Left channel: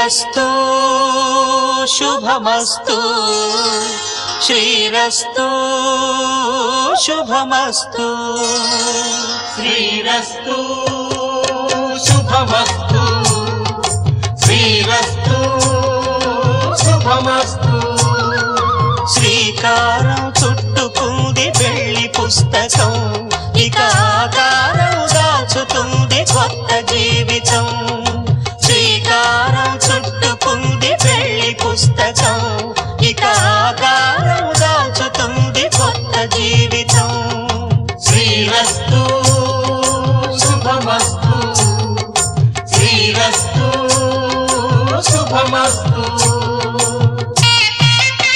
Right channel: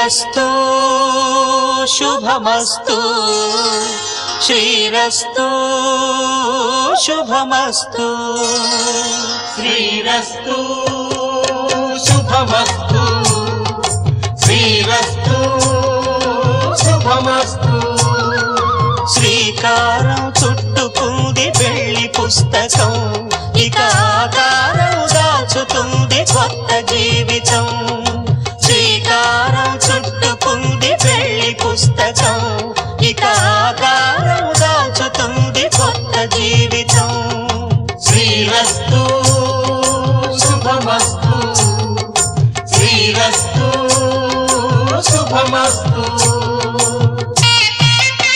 శ్రీరస్తు శుభమస్తు శ్రీరస్తు శుభమస్తు శ్రీరస్తు శుభమస్తు శ్రీరస్తు శుభమస్తు శ్రీకారం చుట్టుకుంది పెళ్లి పుస్తకం ఇక ఆకారం దాచుతుంది కొత్త జీవితం శ్రీకారం చుట్టుకుంది పెళ్లి పుస్తకం ఇక ఆకారం